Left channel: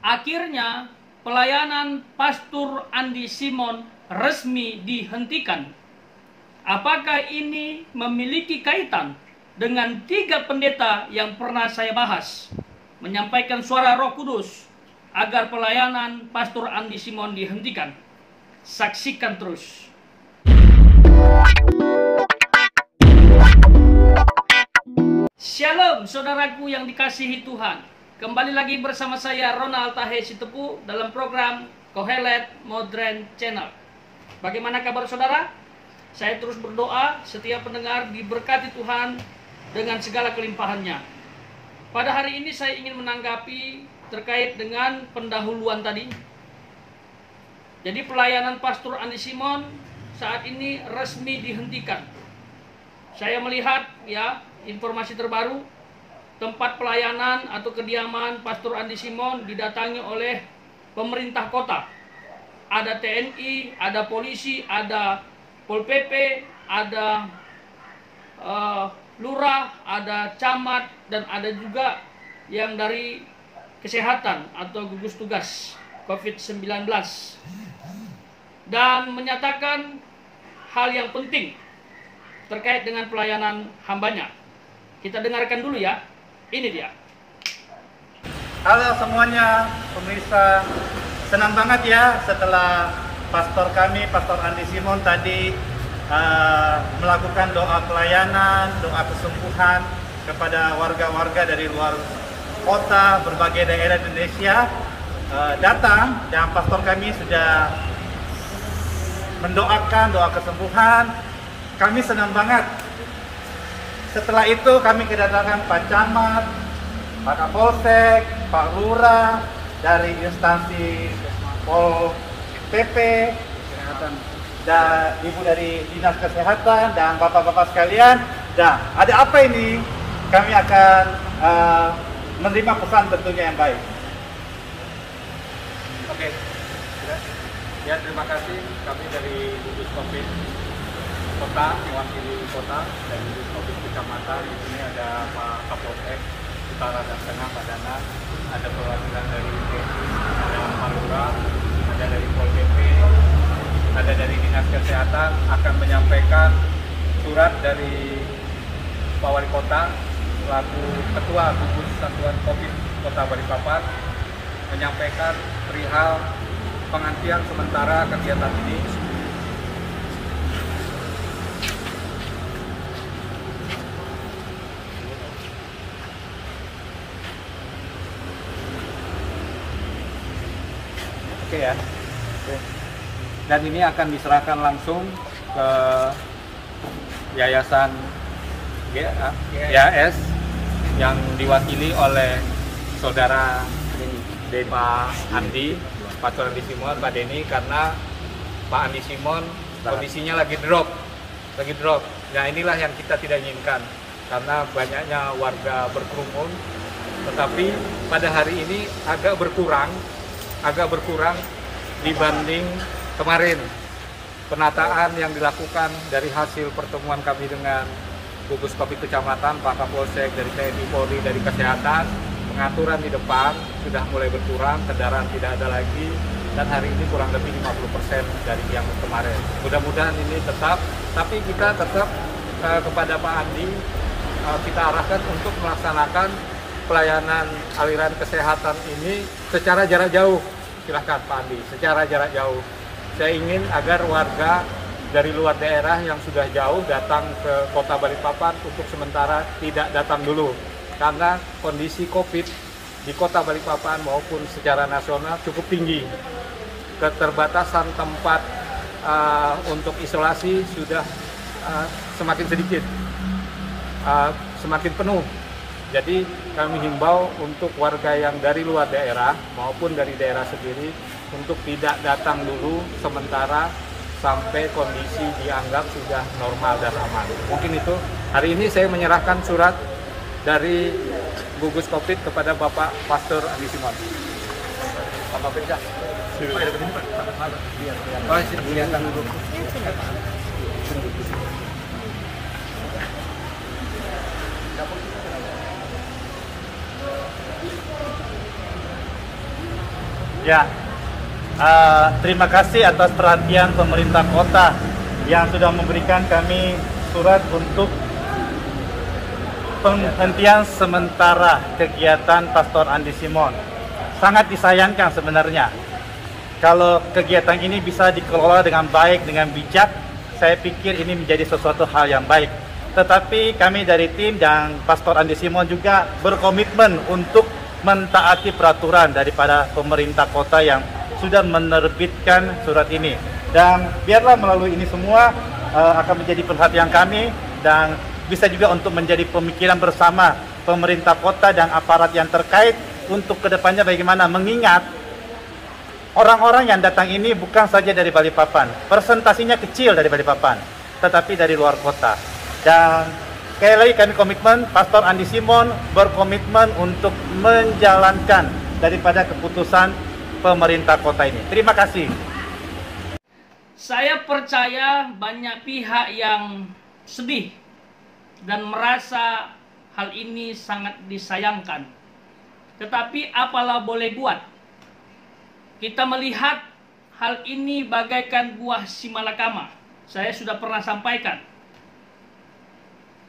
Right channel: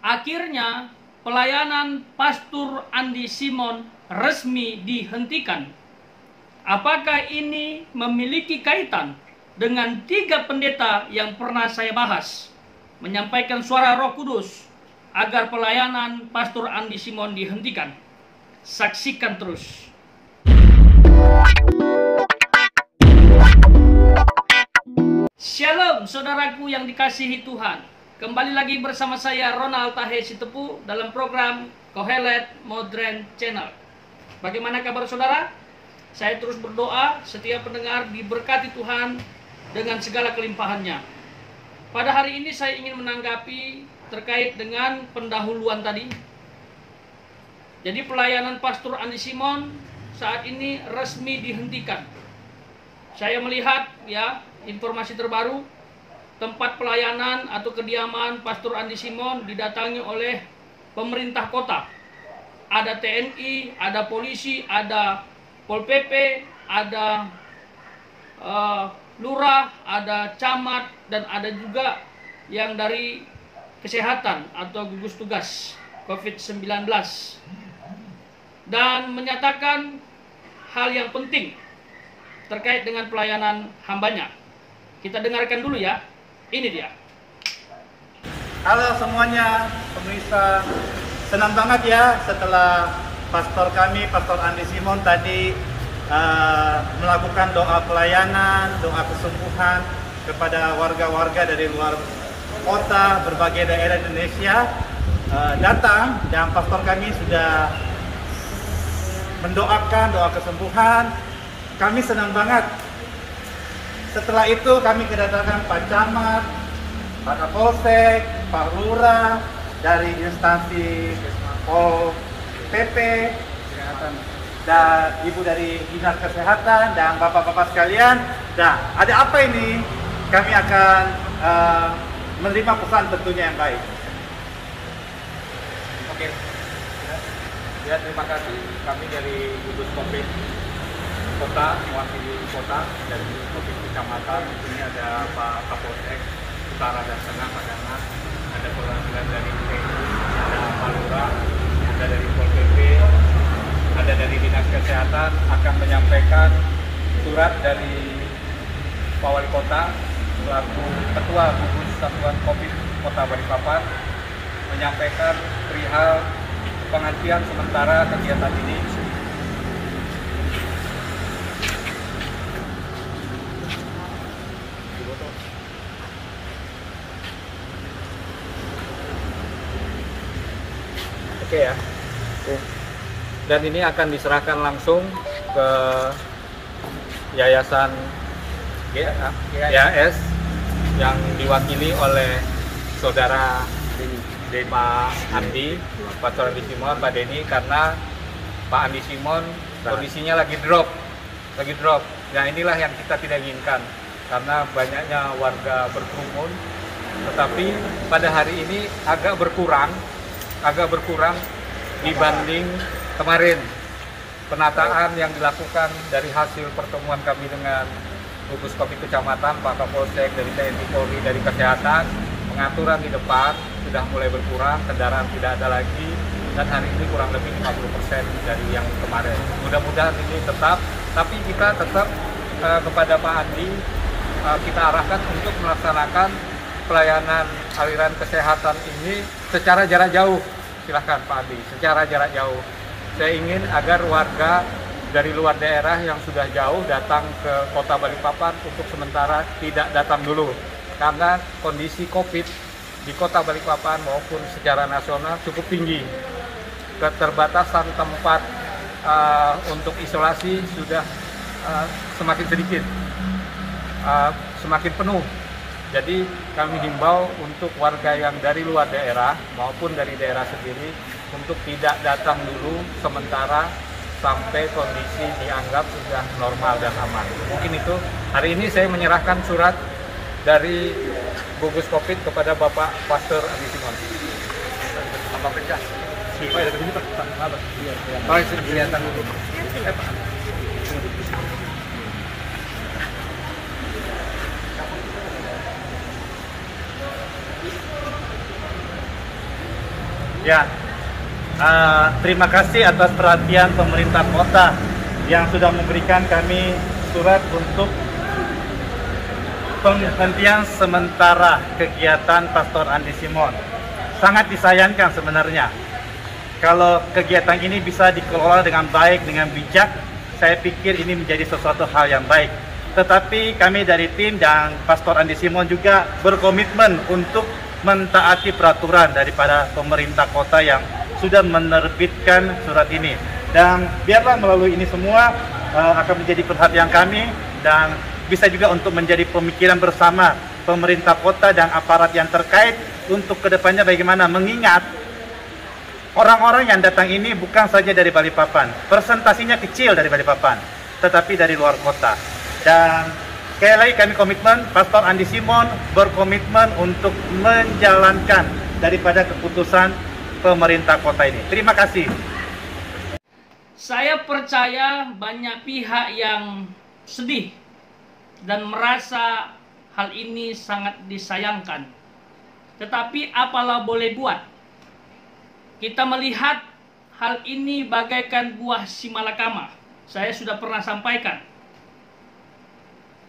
Akhirnya pelayanan Pastor Andi Simon resmi dihentikan. Apakah ini memiliki kaitan dengan 3 pendeta yang pernah saya bahas, menyampaikan suara Roh Kudus agar pelayanan Pastor Andi Simon dihentikan? Saksikan terus. Shalom saudaraku yang dikasihi Tuhan. Kembali lagi bersama saya Ronald Tahe Sitepu dalam program Kohelet Modern Channel. Bagaimana kabar saudara? Saya terus berdoa setiap pendengar diberkati Tuhan dengan segala kelimpahannya. Pada hari ini saya ingin menanggapi terkait dengan pendahuluan tadi. Jadi pelayanan Pastor Andi Simon saat ini resmi dihentikan. Saya melihat informasi terbaru, tempat pelayanan atau kediaman Pastor Andi Simon didatangi oleh pemerintah kota. Ada TNI, ada polisi, ada Pol PP, ada lurah, ada camat, dan ada juga yang dari kesehatan atau gugus tugas COVID-19. Dan menyatakan hal yang penting terkait dengan pelayanan hambanya. Kita dengarkan dulu ya. Ini dia. Halo semuanya, pemirsa. Senang banget ya setelah pastor kami, Pastor Andi Simon tadi melakukan doa pelayanan, doa kesembuhan kepada warga-warga dari luar kota, berbagai daerah Indonesia datang, dan pastor kami sudah mendoakan doa kesembuhan. Kami senang banget. Setelah itu kami kedatangan Pak Camat, Pak Kapolsek, Pak Lurah, dari instansi Pol PP, dan Ibu dari Dinas Kesehatan, dan Bapak-Bapak sekalian. Dan ada apa ini? Kami akan menerima pesan tentunya yang baik. Oke. Ya, terima kasih. Kami dari gugus COVID Kota, mewakili kota, dari gugus COVID Kecamatan. Di sini ada Pak Kapolsek Utara dan Tengah, Pak Dana, ada perwakilan dari TNI, ada Pak Lurah, ada dari Pol PP, ada dari Dinas Kesehatan, akan menyampaikan surat dari Pak Wali Kota selaku Ketua Gugus Satuan COVID Kota Balikpapan, menyampaikan perihal penghentian sementara kegiatan ini. Oke ya. Dan ini akan diserahkan langsung ke Yayasan GAS yang diwakili oleh Saudara Pak Andi, Pastor Andi Simon, Pak Denny, karena Pak Andi Simon kondisinya lagi drop. Nah, inilah yang kita tidak inginkan karena banyaknya warga berkerumun. Tetapi pada hari ini agak berkurang dibanding kemarin. Penataan yang dilakukan dari hasil pertemuan kami dengan gugus COVID Kecamatan, Pak Kapolsek, dari TNI Polri, dari Kesehatan, pengaturan di depan sudah mulai berkurang, kendaraan tidak ada lagi, dan hari ini kurang lebih 50% dari yang kemarin. Mudah-mudahan ini tetap, tapi kita tetap kepada Pak Andi, kita arahkan untuk melaksanakan pelayanan aliran kesehatan ini secara jarak jauh. Silahkan Pak Andi, secara jarak jauh. Saya ingin agar warga dari luar daerah yang sudah jauh datang ke Kota Balikpapan untuk sementara tidak datang dulu. Karena kondisi COVID di Kota Balikpapan maupun secara nasional cukup tinggi. Keterbatasan tempat untuk isolasi sudah semakin sedikit, semakin penuh. Jadi kami himbau untuk warga yang dari luar daerah maupun dari daerah sendiri untuk tidak datang dulu sementara sampai kondisi dianggap sudah normal dan aman. Mungkin itu. Hari ini saya menyerahkan surat dari gugus COVID kepada Bapak Pastor Andi Simon. Bapak Pecah. Masih kelihatan. Ya, terima kasih atas perhatian pemerintah kota yang sudah memberikan kami surat untuk penghentian sementara kegiatan Pastor Andi Simon. Sangat disayangkan sebenarnya. Kalau kegiatan ini bisa dikelola dengan baik, dengan bijak, saya pikir ini menjadi sesuatu hal yang baik. Tetapi kami dari tim dan Pastor Andi Simon juga berkomitmen untuk mentaati peraturan daripada pemerintah kota yang sudah menerbitkan surat ini. Dan biarlah melalui ini semua akan menjadi perhatian kami dan bisa juga untuk menjadi pemikiran bersama pemerintah kota dan aparat yang terkait untuk kedepannya bagaimana mengingat orang-orang yang datang ini bukan saja dari Balikpapan, persentasinya kecil dari Balikpapan, tetapi dari luar kota. Dan sekali lagi kami komitmen, Pastor Andi Simon berkomitmen untuk menjalankan daripada keputusan pemerintah kota ini. Terima kasih. Saya percaya banyak pihak yang sedih dan merasa hal ini sangat disayangkan. Tetapi apalah boleh buat. Kita melihat hal ini bagaikan buah simalakama. Saya sudah pernah sampaikan.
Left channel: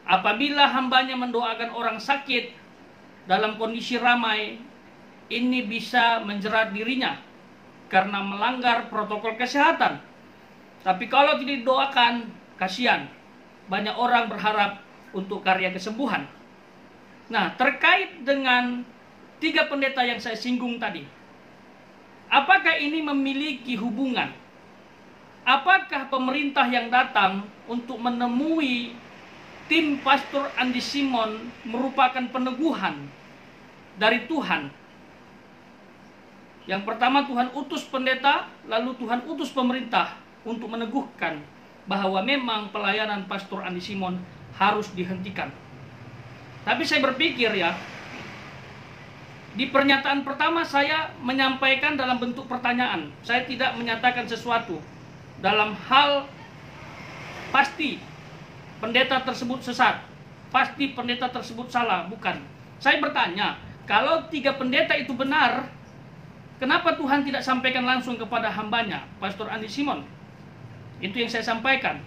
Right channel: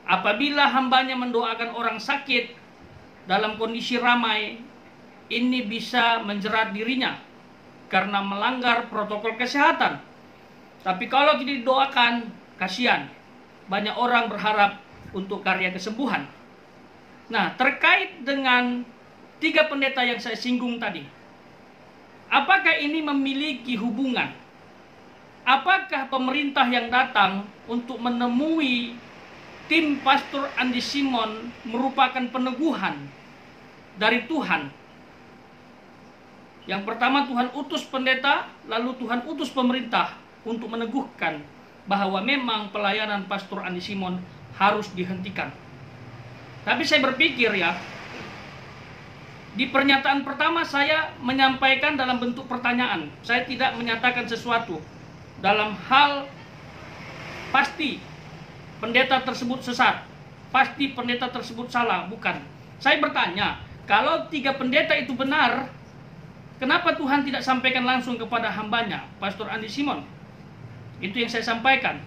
Apabila hambanya mendoakan orang sakit dalam kondisi ramai, ini bisa menjerat dirinya karena melanggar protokol kesehatan. Tapi kalau tidak didoakan, kasihan. Banyak orang berharap untuk karya kesembuhan. Nah, terkait dengan 3 pendeta yang saya singgung tadi, apakah ini memiliki hubungan? Apakah pemerintah yang datang untuk menemui tim Pastor Andi Simon merupakan peneguhan dari Tuhan? Yang pertama, Tuhan utus pendeta, lalu Tuhan utus pemerintah untuk meneguhkan bahwa memang pelayanan Pastor Andi Simon harus dihentikan. Tapi saya berpikir ya, di pernyataan pertama saya menyampaikan dalam bentuk pertanyaan. Saya tidak menyatakan sesuatu dalam hal pasti pendeta tersebut sesat, pasti pendeta tersebut salah, bukan. Saya bertanya, kalau 3 pendeta itu benar, kenapa Tuhan tidak sampaikan langsung kepada hambanya, Pastor Andi Simon? Itu yang saya sampaikan.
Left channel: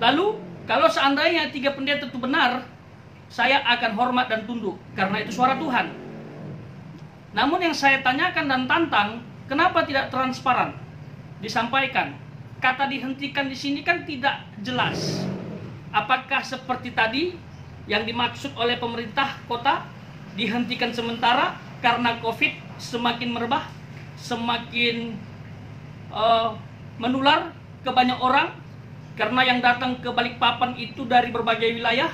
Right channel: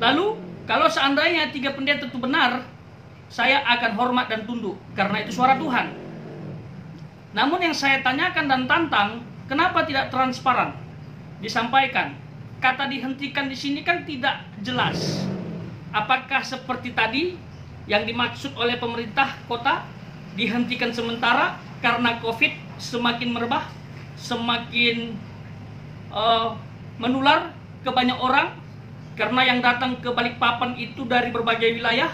Lalu, kalau seandainya 3 pendeta itu benar, saya akan hormat dan tunduk, karena itu suara Tuhan. Namun yang saya tanyakan dan tantang, kenapa tidak transparan disampaikan? Kata dihentikan di sini kan tidak jelas. Apakah seperti tadi yang dimaksud oleh pemerintah kota, dihentikan sementara karena COVID semakin merebah, semakin menular ke banyak orang, karena yang datang ke Balikpapan itu dari berbagai wilayah?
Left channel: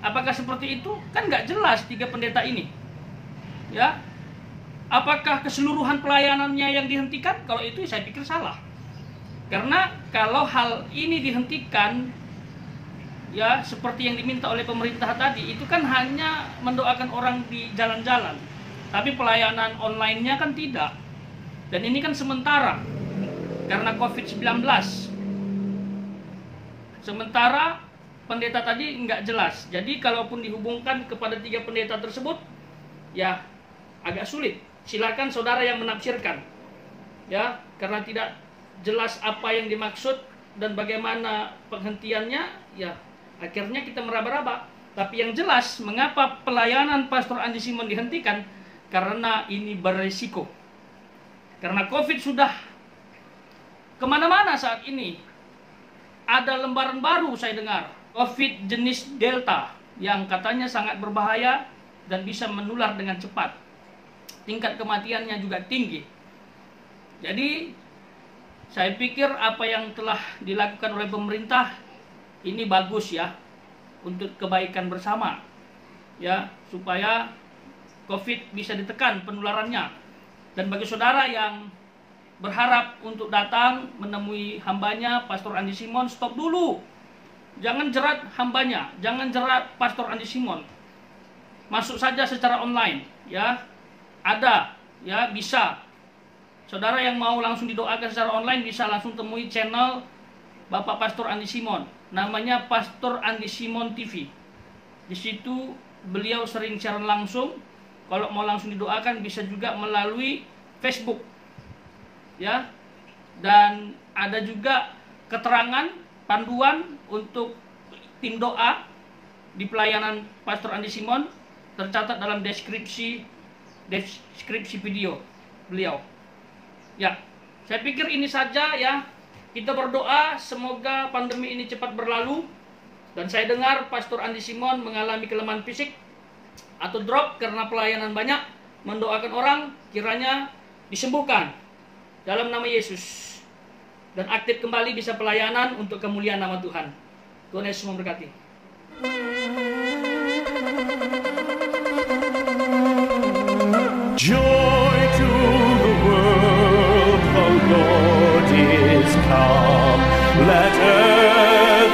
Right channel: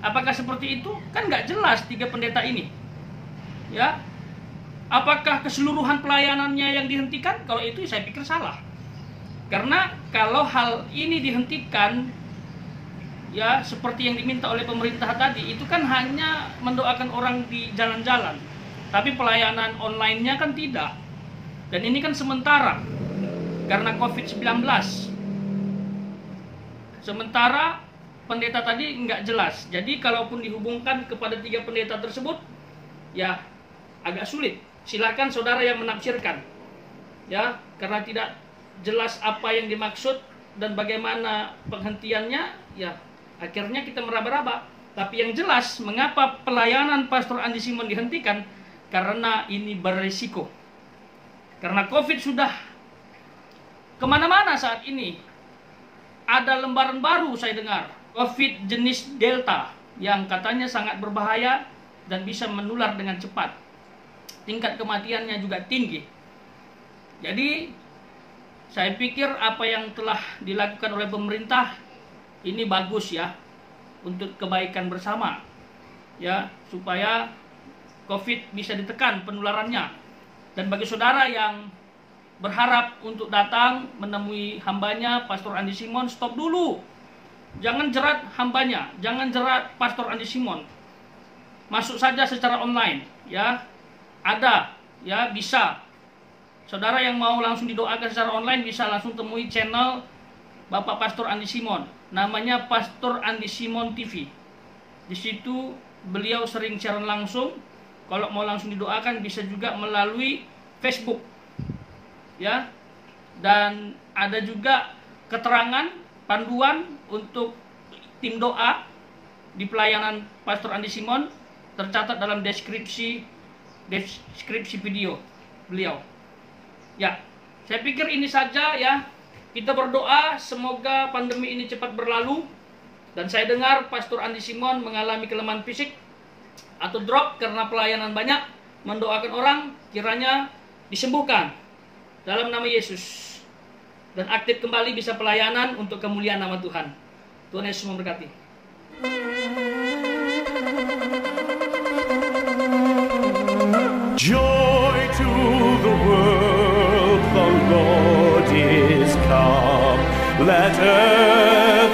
Apakah seperti itu? Kan nggak jelas 3 pendeta ini. Ya, apakah keseluruhan pelayanannya yang dihentikan? Kalau itu saya pikir salah. Karena kalau hal ini dihentikan, ya seperti yang diminta oleh pemerintah tadi, itu kan hanya mendoakan orang di jalan-jalan. Tapi pelayanan online-nya kan tidak. Dan ini kan sementara, karena COVID-19. Sementara pendeta tadi nggak jelas. Jadi kalaupun dihubungkan kepada 3 pendeta tersebut, ya agak sulit. Silakan saudara yang menafsirkan. Ya, karena tidak jelas apa yang dimaksud dan bagaimana penghentiannya, ya akhirnya kita meraba-raba. Tapi yang jelas, mengapa pelayanan Pastor Andi Simon dihentikan? Karena ini beresiko. Karena COVID sudah kemana-mana saat ini. Ada lembaran baru saya dengar, COVID jenis Delta, yang katanya sangat berbahaya dan bisa menular dengan cepat. Tingkat kematiannya juga tinggi. Jadi, saya pikir apa yang telah dilakukan oleh pemerintah ini bagus ya, untuk kebaikan bersama, ya, supaya COVID bisa ditekan penularannya. Dan bagi saudara yang berharap untuk datang menemui hambanya Pastor Andi Simon, stop dulu. Jangan jerat hambanya, jangan jerat Pastor Andi Simon. Masuk saja secara online, ya. Ada, ya, bisa. Saudara yang mau langsung didoakan secara online bisa langsung temui channel Bapak Pastor Andi Simon. Namanya Pastor Andi Simon TV. Di situ beliau sering siaran langsung. Kalau mau langsung didoakan bisa juga melalui Facebook. Ya. Dan ada juga keterangan panduan untuk tim doa di pelayanan Pastor Andi Simon, tercatat dalam deskripsi video beliau. Ya, saya pikir ini saja ya. Kita berdoa semoga pandemi ini cepat berlalu. Dan saya dengar Pastor Andi Simon mengalami kelemahan fisik atau drop karena pelayanan banyak, mendoakan orang kiranya disembuhkan dalam nama Yesus. Dan aktif kembali bisa pelayanan untuk kemuliaan nama Tuhan. Tuhan Yesus memberkati. Joy to the world, the Lord is come. Let earth